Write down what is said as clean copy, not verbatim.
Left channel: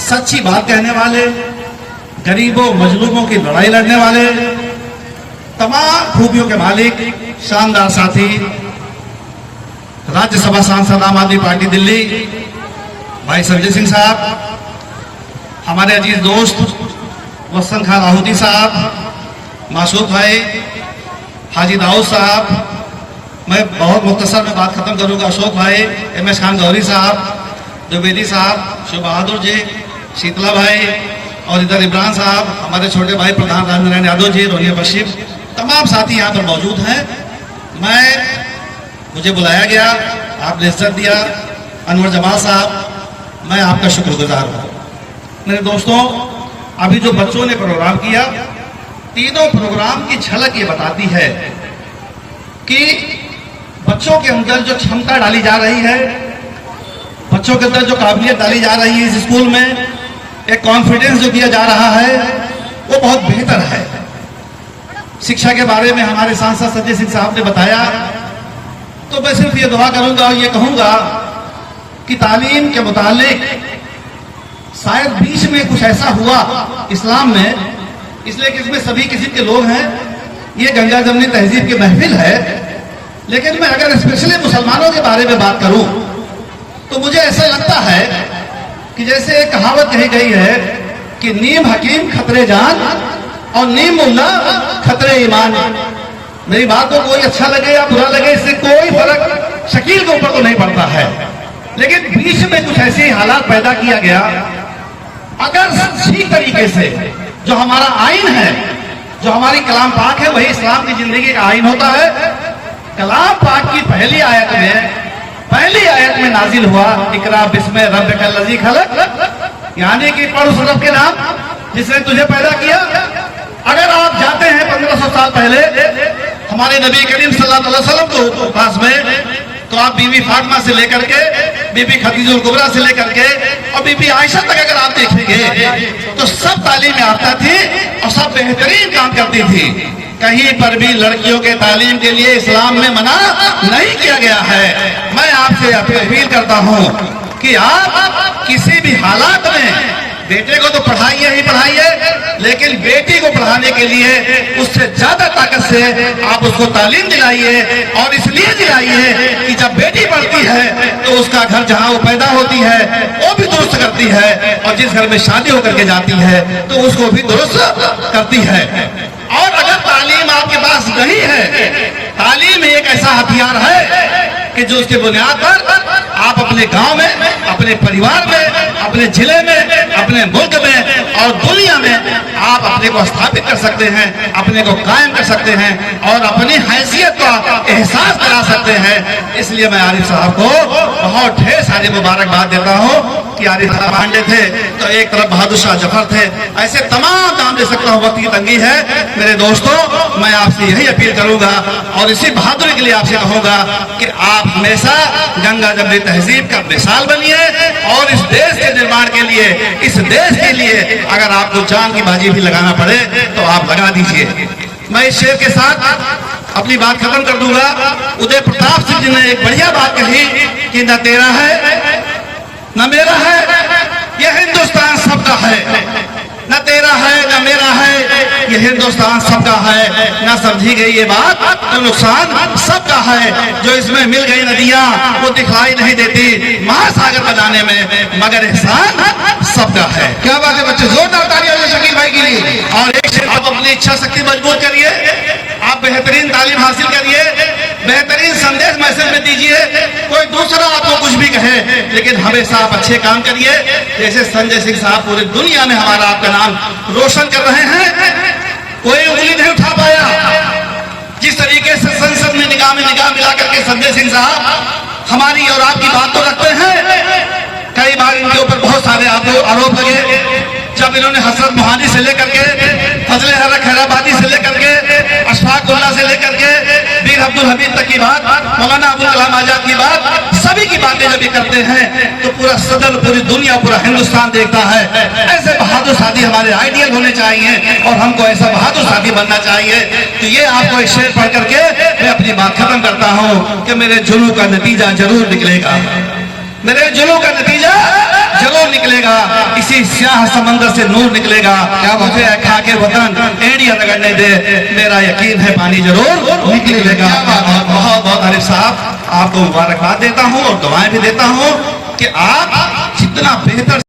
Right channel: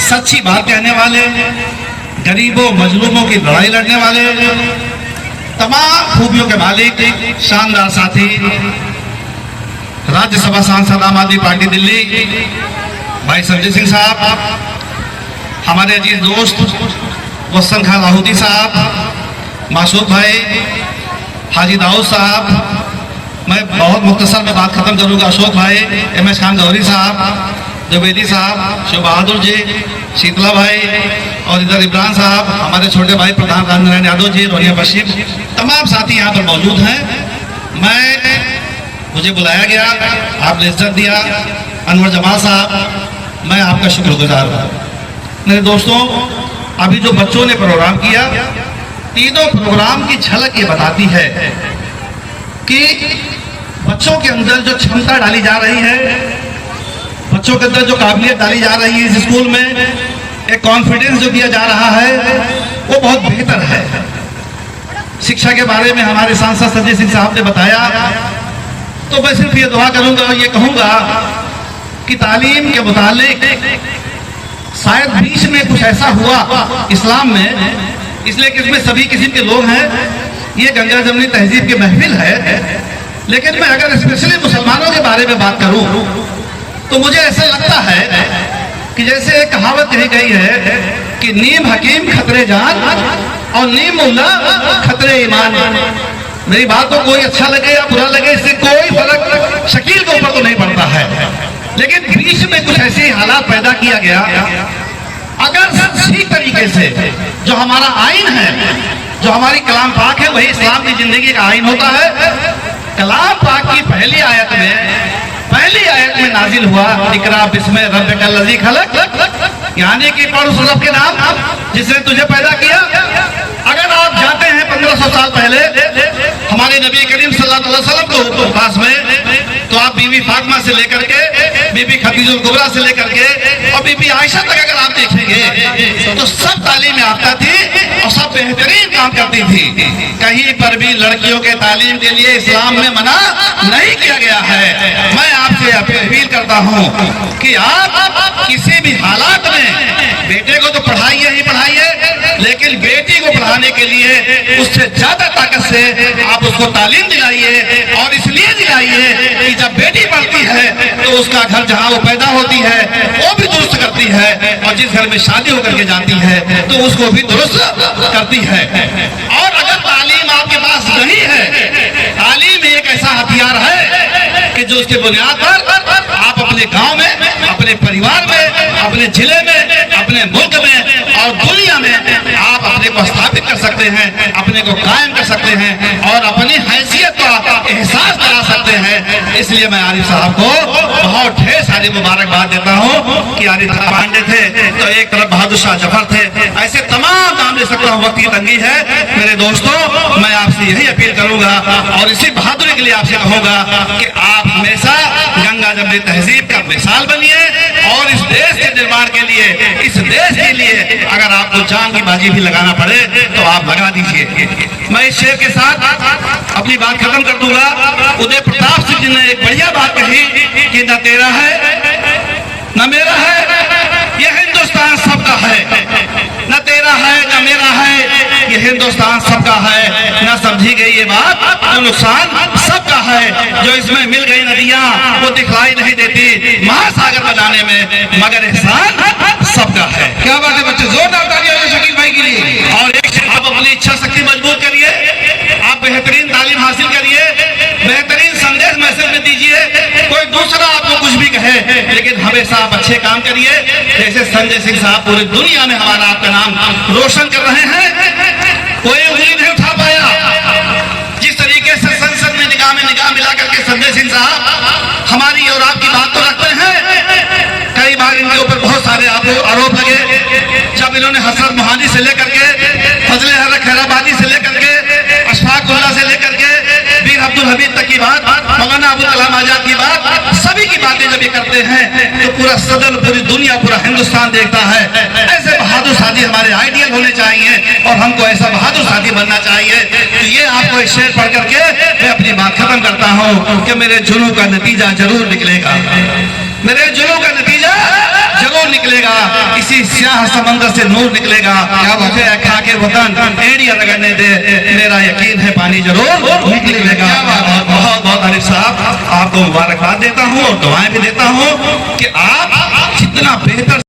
सच्ची बात कहने वाले, गरीबों मजलूमों की लड़ाई लड़ने वाले, तमाम खूबियों के मालिक, शानदार साथी, राज्यसभा सांसद आम आदमी पार्टी दिल्ली भाई सरजीत सिंह साहब, हमारे अजीज दोस्त वसन खान लाहौटी साहब, मासूद भाई, हाजी दाऊद साहब, मैं बहुत मुख्तसर में बात खत्म करूंगा, अशोक भाई, MS खान गौरी साहब, द्विवेदी साहब, शिव बहादुर जी, शीतला भाई और इधर इमरान साहब, हमारे छोटे भाई प्रधान रामनारायण यादव जी, रोनिया बशीर, तमाम साथी यहाँ पर मौजूद हैं। मुझे बुलाया गया, आपने इज्जत दिया, अनवर जमाल साहब, मैं आपका शुक्रगुजार हूँ। मेरे दोस्तों, अभी जो बच्चों ने प्रोग्राम किया, तीनों प्रोग्राम की झलक ये बताती है कि बच्चों के अंदर जो क्षमता डाली जा रही है, बच्चों के अंदर जो काबिलियत डाली जा रही है, इस स्कूल में एक कॉन्फिडेंस जो दिया जा रहा है वो बहुत बेहतर है। शिक्षा के बारे में हमारे सांसद सरजीत सिंह साहब ने बताया, तो मैं सिर्फ ये दुआ करूंगा और ये कहूंगा कि तालीम के मुतालिक शायद बीच में कुछ ऐसा हुआ इस्लाम में, इसलिए कि इसमें सभी किस्म के लोग हैं, ये गंगा जमनी तहजीब की महफिल है, लेकिन मैं अगर स्पेशली मुसलमानों के बारे में बात करूं तो मुझे ऐसा लगता है कि जैसे एक कहावत कही गई है कि नीम हकीम खतरे जान और नीम मुल्ला खतरे ईमान। मेरी बात को कोई अच्छा लगे या बुरा लगे, इससे कोई फर्क शकील के ऊपर तो नहीं पड़ता है, लेकिन बीच में कुछ ऐसे हालात पैदा किया गया। अगर ठीक तरीके से जो हमारा आइन है, जो हमारी कलाम पाक है, वही इस्लाम की जिंदगी का आइन होता है। कलाम पाक की पहली आयत में नाजिल हुआ, इकरा बिस्मे रब्बिकल लज़ी खलक, यानी कि पढ़ उस रब के नाम जिसने तुझे पैदा किया। अगर आप जाते हैं 1500 साल पहले हमारे नबी करीम सल्लल्लाहु अलैहि वसल्लम को पास में, तो आप बीबी फातिमा से लेकर के बीबी खदीजुल कुबरा से लेकर के और बीबी आयशा तक अगर आप देखेंगे तो सब तालीम याफ्ता थी और सब बेहतरीन काम करती थी। कहीं पर भी लड़कियों के तालीम के लिए इस्लाम में मना नहीं किया गया है। मैं आपसे अपील करता हूँ कि आप किसी भी हालात में बेटे को तो पढ़ाइए ही पढ़ाइए, लेकिन बेटी को पढ़ाने के लिए उससे ज्यादा ताकत से आप उसको तालीम दिलाइए, और इसलिए दिलाइए कि जब बेटी पढ़ती है तो उसका घर जहाँ वो पैदा होती है वो भी दुरुस्त करती है, और जिस घर में शादी होकर के जाती है तो उसको भी दुरुस्त करती है। और अगर तालीम आपके पास नहीं है, तालीम एक ऐसा हथियार है कि जो उसके बुनियाद पर आप अपने गांव में, अपने परिवार में, अपने जिले में, अपने मुल्क में और दुनिया में आप अपने को स्थापित कर सकते हैं, अपने को कायम कर सकते हैं और अपनी हैसियत का एहसास करा सकते हैं। इसलिए मैं आरिफ साहब को बहुत ढेर सारी मुबारकबाद देता हूँ कि आरिफ साहब पांडे थे तो एक तरफ बहादुर शाह जफर थे, ऐसे तमाम नाम दे सकता हूँ, वक्त की तंगी है। मेरे दोस्तों, मैं आपसे यही अपील करूंगा और इसी बहादुरी के लिए आपसे कहूंगा कि आप हमेशा गंगा जमनी तहजीब का मिसाल बनिए, और इस देश के निर्माण के लिए, इस देश के लिए अगर आपको जान की बाजी भी लगाना पड़े तो आप लगा दीजिए। मैं इस शेर के साथ अपनी बात खत्म कर दूंगा। उदय प्रताप सिंह जी ने एक बढ़िया बात कही कि न तेरा है न मेरा है, ये हिंदुस्तान सबका है। न तेरा है न मेरा है, ये हिंदुस्तान सबका है। न समझी गई ये बात तो नुकसान सबका है। जो इसमें मिल गई नदियां वो दिखाई नहीं देती महासागर बनाने में, मगर एहसान सबका है। क्या बात है बच्चे, जोरदार तालियां हो शकील भाई के लिए। और एक से आप अपनी इच्छा शक्ति मजबूत करिए, आप बेहतरीन तालीम हासिल करिए, बेहतरीन संदेश मैसेज में दीजिए। कोई दूसरा आपको कुछ भी कहे, लेकिन हमेशा आप अच्छे काम करिए। जैसे संजय सिंह साहब पूरी दुनिया में हमारा आपका नाम रोशन कर रहे हैं, कोई उंगली नहीं उठा पाया। जिस तरीके से संसद में निगाह मिला करके संजय सिंह साहब हमारी और आपकी बात तो रखते हैं, कई बार इनके ऊपर बहुत सारे आरोप लगे। जब इन्होंने हसरत मोहानी से लेकर के, फजले हक खैराबादी से लेकर के, अशफाकुल्लाह से लेकर के वीर अब्दुल हमीद तक की बात, मौलाना अबुल कलाम आजाद की बात, सभी की बातें जब ये करते हैं तो पूरा सदन, पूरी दुनिया, पूरा हिंदुस्तान देखता है। ऐसे बहादुर साथी हमारे आइडियल होने चाहिए और हमको ऐसा बहादुर साथी बनना चाहिए। तो ये आपको एक शेर पढ़ करके मैं अपनी बात खत्म करता हूँ कि मेरे जुनून का नतीजा जरूर निकलेगा, मेरे जुनून का नतीजा जरूर निकलेगा, इसी स्याह समंदर से नूर निकलेगा। क्या मुझे खाके वतन एड़ियां लगने दे, मेरा यकीन है पानी जरूर निकलेगा। बहुत बहुत आरिफ साहब आपको मुबारकबाद देता हूँ और दुआएं भी देता हूँ कि आप जितना बेहतर